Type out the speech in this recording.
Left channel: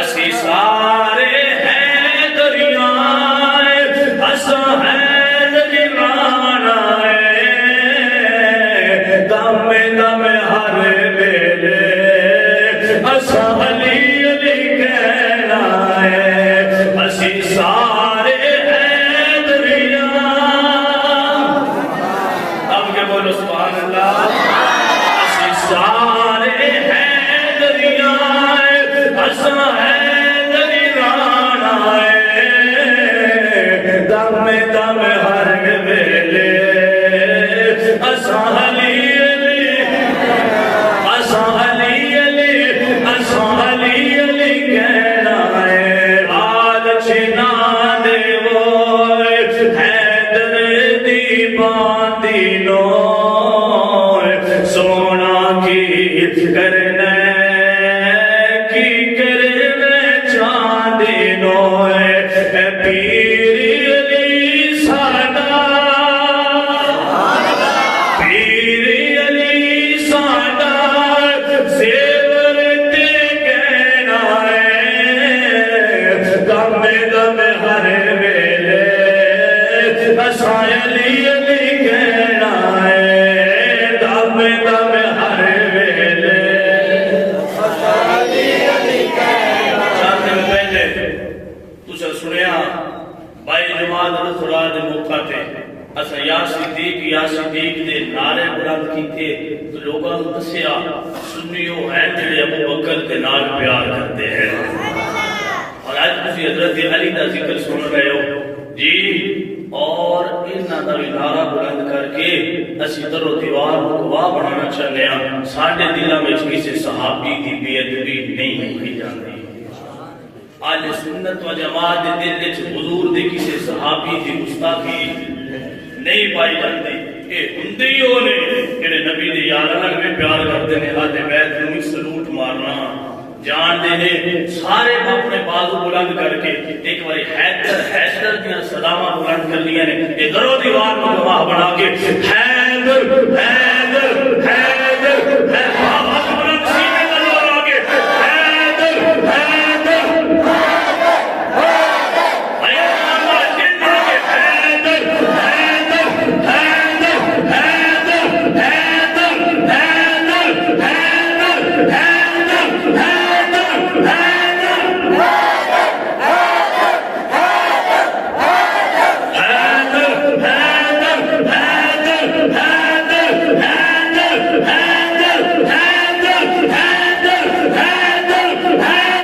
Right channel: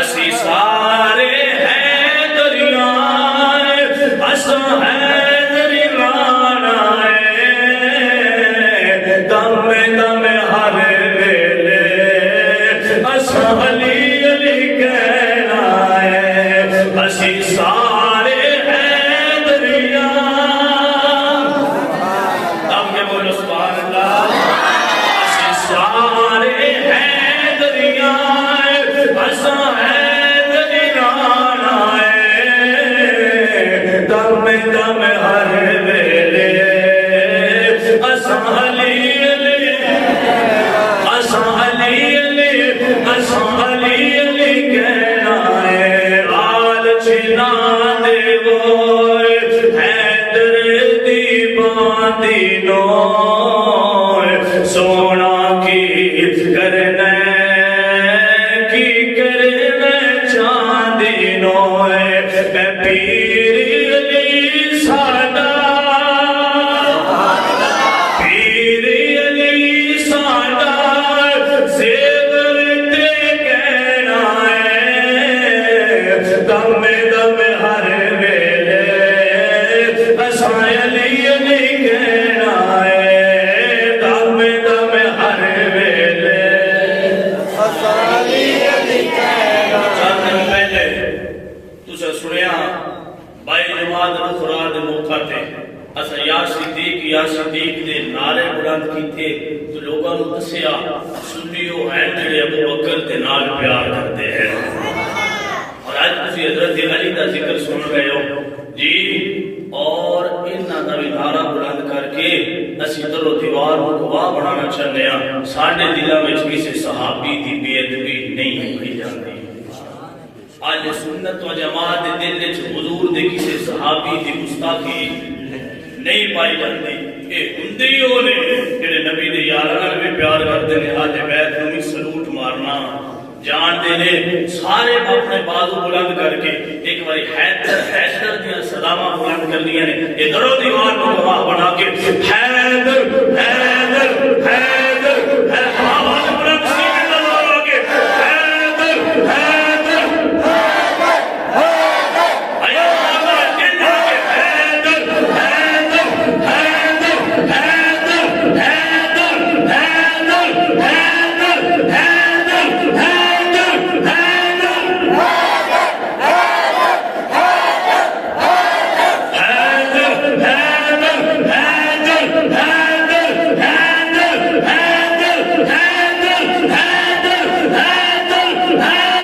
اسی سارے ہیں دریائے اسم ہے دریائے دم دم ہر ویلے اسم علی علی کہلائے اسی سارے ہیں دریائے دم کے بولو سبحان اللہ اسی سارے ہیں دریائے اسم دم دم ہر ویلے اسم علی علی اسم علی علی اسم علی علی کہلائے آل چنا دے وائے حیدر دی باندی نوائے سونا کی کرنے چاندی نوائے پیر پیر علی ساڈا زیور تے کہنا ہے دم دم ہر ویلے اسم علی علی کہنا ہے دم دم ہر ویلے اسم علی علی کہنا چند دن پہلے تسا سنیا بائی جماعت خدا دے موقع تے اچھا یا صدیق دے نعرے بلند کیتے تو لوگاں نوں دسیا سنیو ہے جڑے ابو بکر دے نال پیار کرتے ہیں اور آج تسی حضرت علی دا ذکر سن رہے ہو جی اور انہاں دا نعرہ بلند کر کے اسی در و دیوار کو گواہ بنانا چاہتے ہیں ساڈے دلاں وچ کسی صحابی دی بے ادبی نہیں ہوئی جاندی آج سنت و جماعت دے دل وچ حضور دے کسی صحابی دی گستاخی نہیں پائی جاندی اے ہندیوں نے جڑے نبی دے یاراں نال بھی پیار کردے نے اہل بیت نوں بھی سلوٹ مارنا جان دے نے سارے اپنے بازو بلند کر کے ایک باری حیدر دیاں صداواں بلند کر لیاں نے اے درو دیوار کو گواہ بنا کے حیدر حیدر حیدر